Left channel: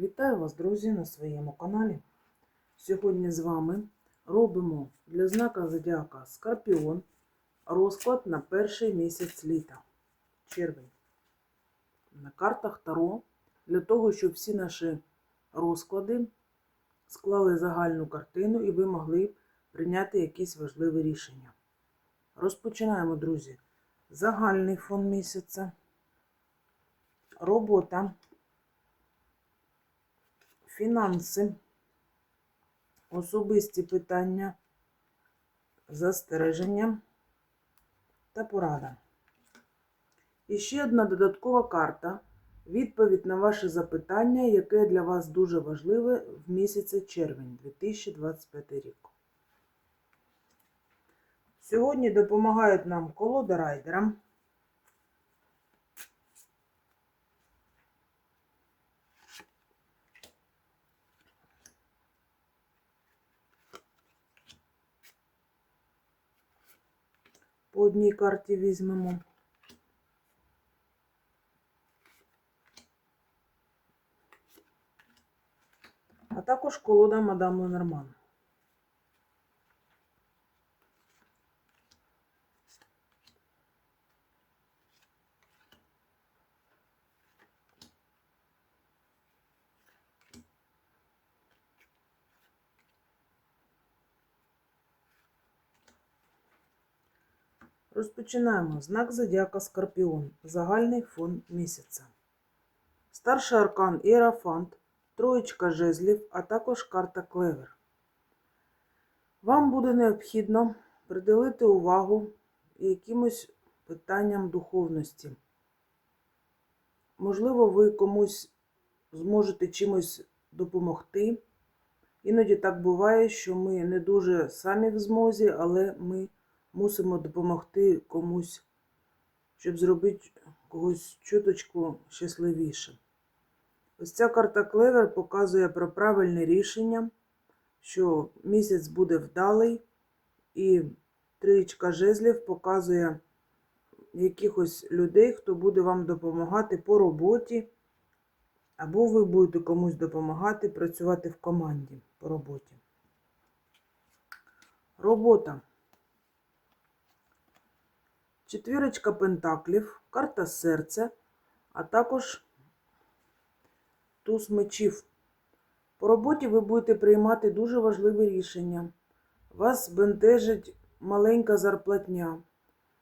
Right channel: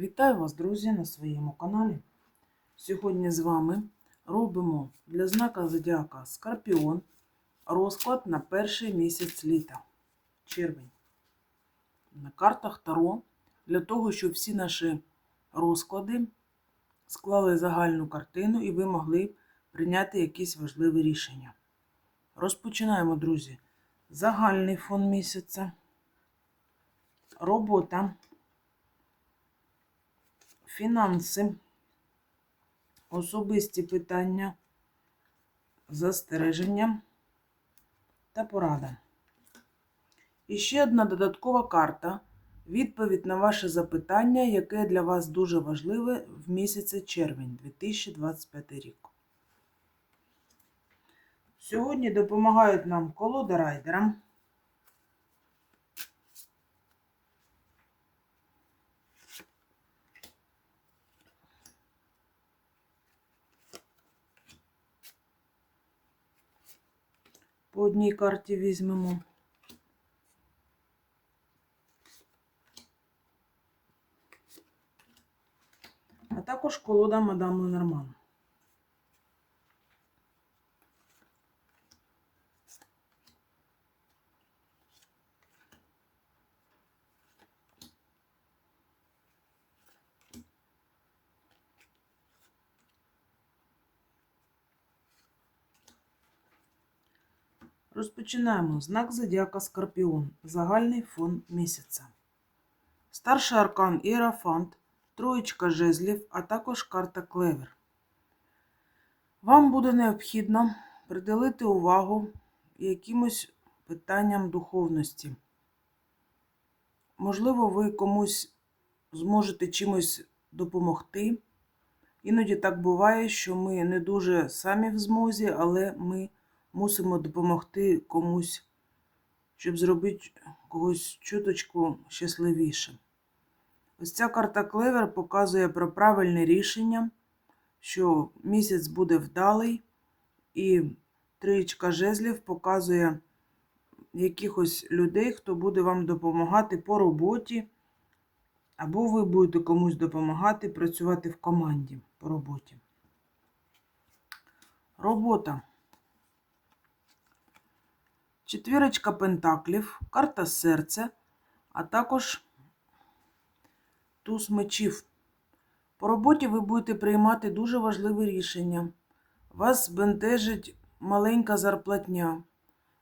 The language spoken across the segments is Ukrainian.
Вітаю вас, друзі, на своєму каналі. Сьогодні з вами робимо для знака Зодіака Скорпіон розклад на перший місяць літа, червень. На картах Таро для того, щоб всі наші розклади склали загальну картину і ви могли прийняти якісь важливі рішення. Розпочинаємо, друзі. Загальний фон місяця. Робота фінанси, особисті питання, застереження та порада. І ще одна додаткова карта. Відповідь на ваше запитання, яке для вас дуже важливе в місяці червень 2025 рік. Сьогодні допомагають нам колода райдера. По одній карті візьмемо. А також колода мадам Ленорман. Розпочинаємо. Знак Зодіака Скорпіон. Загальний фон місяця. Старший аркан Іерафант, троєчка жезлів, а також карта Клевер. Вам буде необхідно приділити увагу якимось питанням духовності. Можливо, ви комусь зможете чимось допомогти. Іноді так буває, що ми не дуже самі в змозі, але ми мусимо допомогти комусь, щоб зробити когось чуточку щасливішим. Ось ця карта Клевер показує про правильне рішення, що місяць буде вдалий, і тричка жезлів показує якихось людей, хто буде вам допомагати по роботі, або ви будете комусь допомагати працювати в команді по роботі. Робота. Четвірочка пентаклів, карта серця, а також туз мечів. По роботі ви будете приймати дуже важливі рішення. Вас бентежить маленька зарплатня,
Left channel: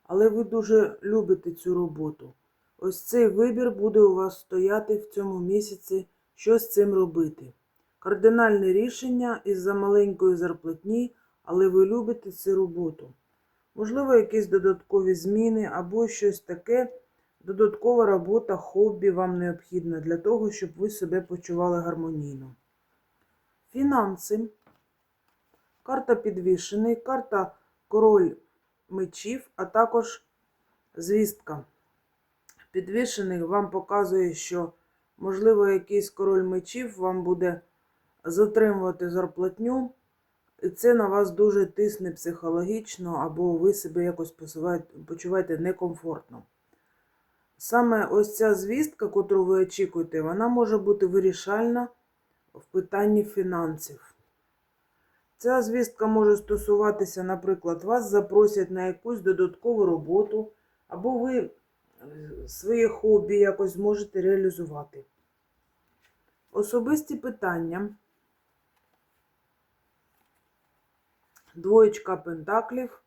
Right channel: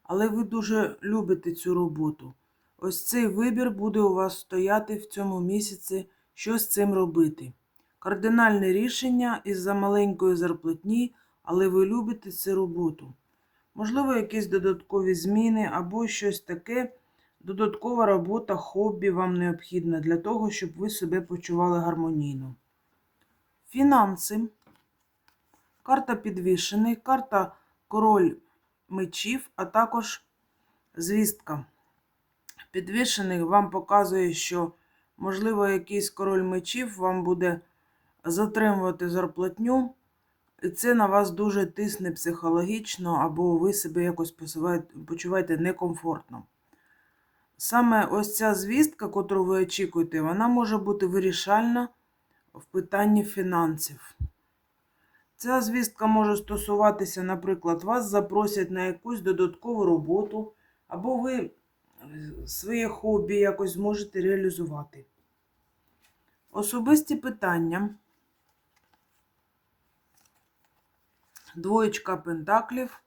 але ви дуже любите цю роботу. Ось цей вибір буде у вас стояти в цьому місяці, що з цим робити. Кардинальне рішення із-за маленької зарплатні, але ви любите цю роботу. Можливо, якісь додаткові зміни або щось таке, додаткова робота, хобі вам необхідна для того, щоб ви себе почували гармонійно. Фінанси. Карта підвішений, карта король мечів, а також звістка. Підвішений вам показує, що, можливо, якийсь король мечів вам буде затримувати зарплатню. Це на вас дуже тисне психологічно, або ви себе якось почуваєте некомфортно. Саме ось ця звістка, котру ви очікуєте, вона може бути вирішальна в питанні фінансів. Ця звістка може стосуватися, наприклад, вас запросять на якусь додаткову роботу, або ви своє хобі якось зможете реалізувати. Особисті питання. Двоєчка пентаклів,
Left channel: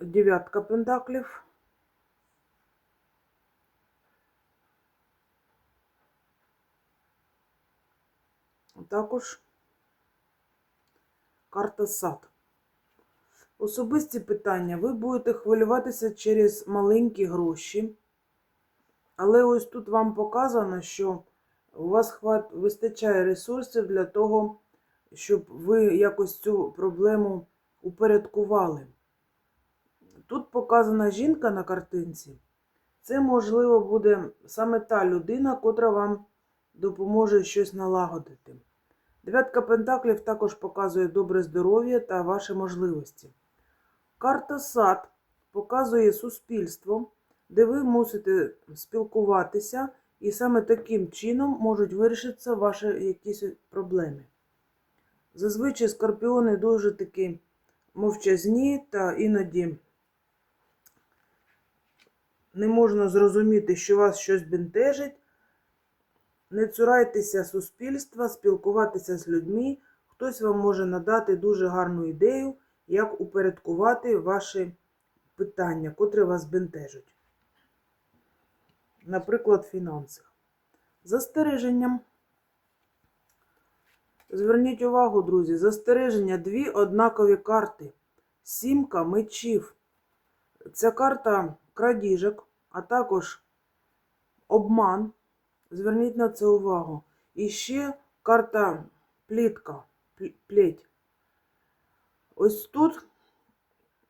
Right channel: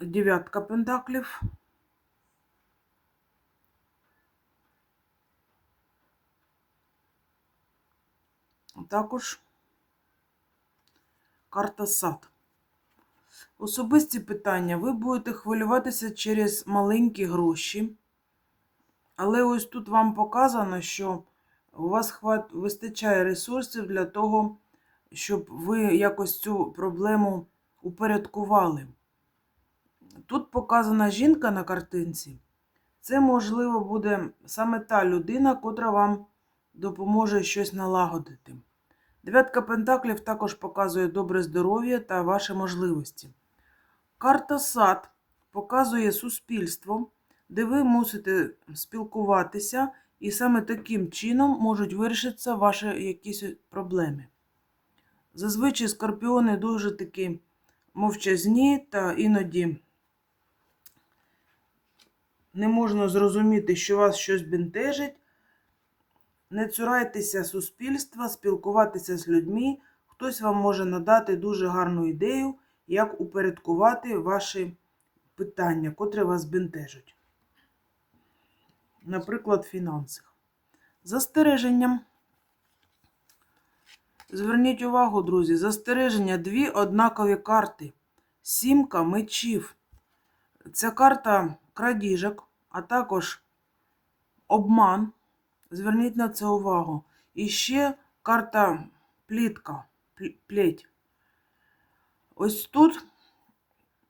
дев'ятка пентаклів. Також карта сад. Особисті питання. Ви будете хвилюватися через маленькі гроші. Але ось тут вам показано, що у вас вистачає ресурсів для того, щоб ви якось цю проблему упорядкували. Тут показана жінка на картинці. Це, можливо, буде саме та людина, котра вам допоможе щось налагодити. Дев'ятка пентаклів також показує добре здоров'я та ваші можливості. Карта сад показує суспільство, де ви мусите спілкуватися І саме таким чином можуть вирішитися ваші якісь проблеми. Зазвичай скорпіони дуже такі мовчазні та іноді не можна зрозуміти, що вас щось бентежить. Не цурайтеся суспільства, спілкуватися з людьми. Хтось вам може надати дуже гарну ідею, як упорядкувати ваші питання, котрі вас бентежать. Наприклад, фінансах. Застереженням. Зверніть увагу, друзі, застереження дві однакові карти. Сімка мечів. Це карта крадіжок, а також обман. Зверніть на це увагу. І ще карта плітка, плеть. Ось тут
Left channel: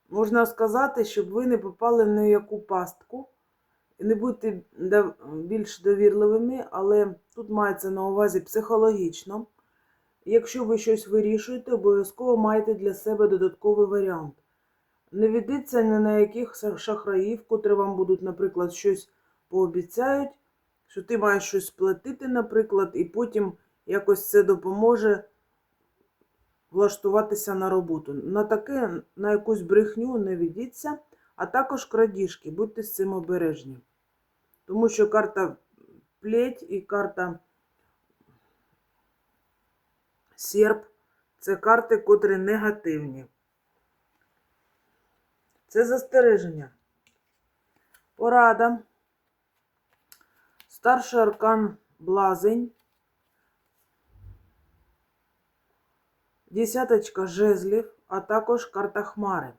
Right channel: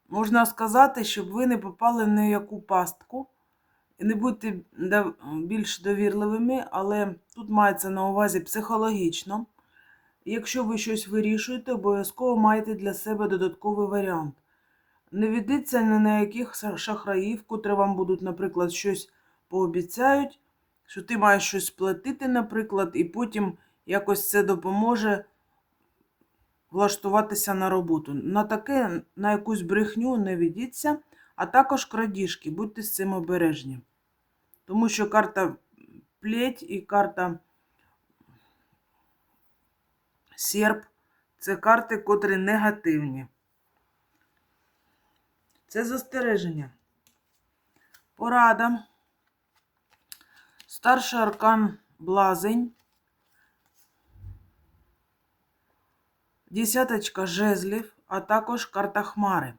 можна сказати, щоб ви не попали в ніяку пастку. І не будьте більш довірливими, але тут мається на увазі психологічно. Якщо ви щось вирішуєте, обов'язково маєте для себе додатковий варіант. Не ведіться ні на яких шахраїв, котрі вам будуть, наприклад, щось пообіцяють, що ти маєш щось сплатити, наприклад, і потім якось це допоможе влаштуватися на роботу. На таке, на якусь брехню не ведіться, а також крадіжки. Будьте з цим обережні. Тому що карта плеть і карта серп це карти, котрі негативні. Це застереження. Порада. Старший аркан блазень. Десяточка жезлів, а також карта хмари.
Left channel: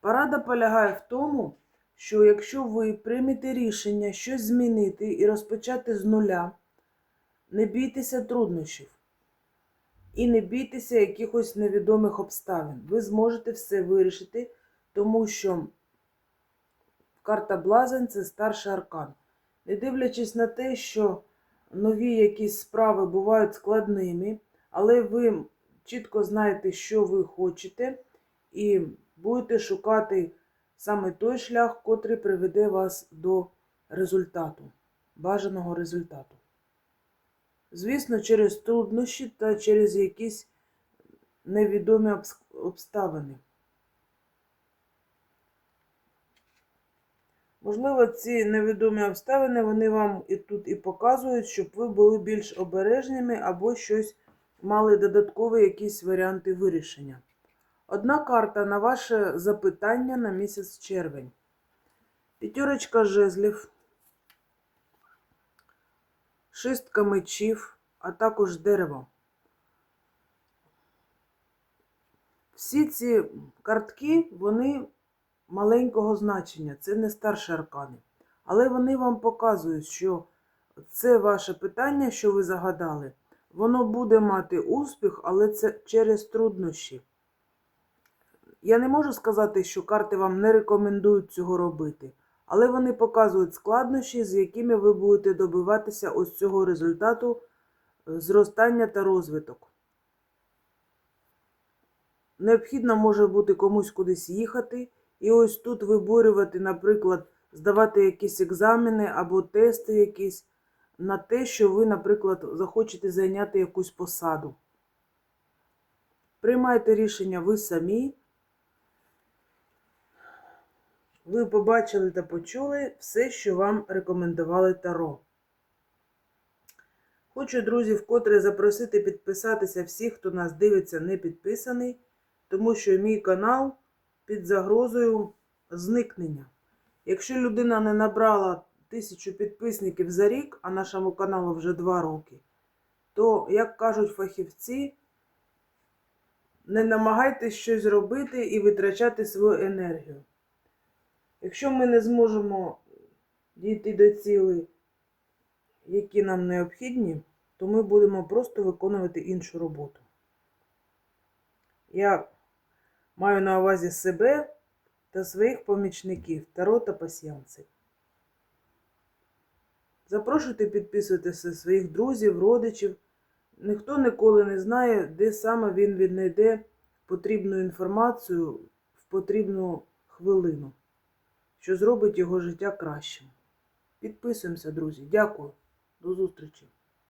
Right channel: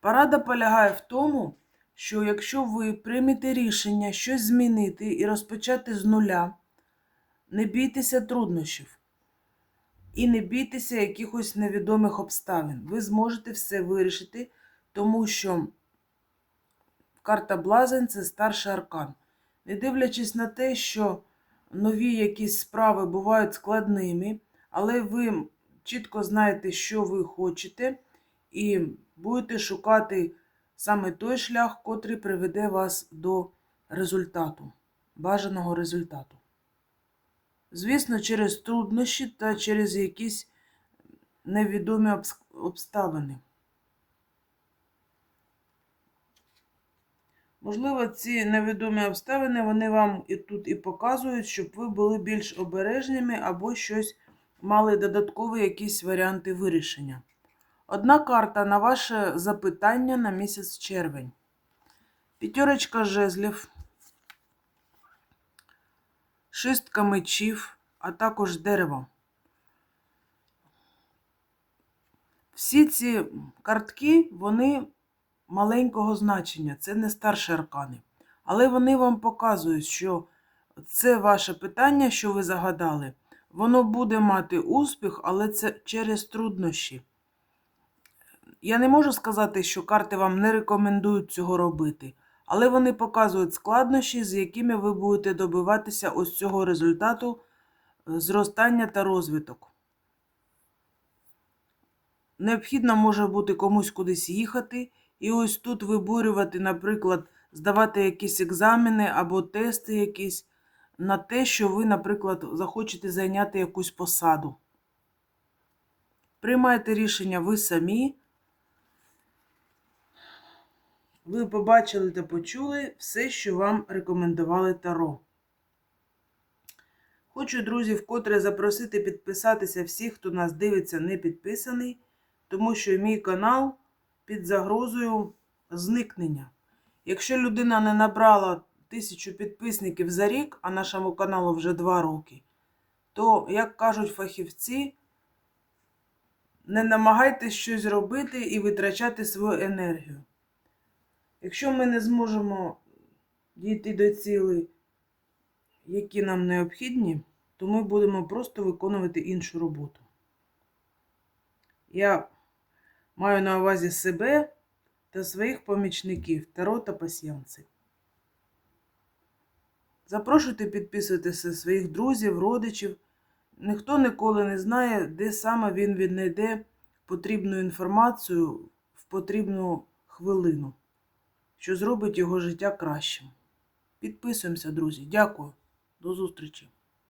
Порада полягає в тому, що якщо ви приймете рішення щось змінити і розпочати з нуля, не бійтеся труднощів і не бійтеся якихось невідомих обставин. Ви зможете все вирішити, тому що карта Блазень це старший аркан. Не дивлячись на те, що нові якісь справи бувають складними, але ви чітко знаєте, що ви хочете, і будете шукати саме той шлях, котрий приведе вас до результату, бажаного результату. Звісно, через труднощі та через якісь невідомі обставини. Можливо, ці невідомі обставини вони вам і тут і показують, щоб ви були більш обережними або щось мали додаткові якісь варіанти вирішення. Одна карта на ваше запитання на місяць червень. П'ятерочка жезлів, шістка мечів, а також дерево. Всі ці картки, вони маленького значення, це не старші аркани. Але вони вам показують, що це ваше питання, що ви загадали, воно буде мати успіх, але це через труднощі. Я не можу сказати, що карти вам не рекомендують цього робити, але вони показують складнощі, з якими ви будете добиватися ось цього результату е, зростання та розвиток. Необхідно може бути комусь кудись їхати, і ось тут виборювати, наприклад, здавати якісь екзамени або тести якісь на те, що ви, наприклад, захочете зайняти якусь посаду. Приймайте рішення ви самі. Ви побачили та почули все, що вам рекомендували Таро. Хочу, друзі, вкотре запросити підписатися всіх, хто нас дивиться, не підписаний, тому що мій канал під загрозою зникнення. Якщо людина не набрала тисячу підписників за рік, а нашому каналу вже два роки, то, як кажуть фахівці, не намагайтесь щось робити і витрачати свою енергію. Якщо ми не зможемо дійти до цілей, які нам необхідні, то ми будемо просто виконувати іншу роботу. Я маю на увазі себе та своїх помічників Таро та пасьянців. Запрошуйте підписуйтеся своїх друзів, родичів. Ніхто ніколи не знає, де саме він віднайде потрібну інформацію в потрібну хвилину, що зробить його життя кращим. Підписуємося, друзі. Дякую. До зустрічі!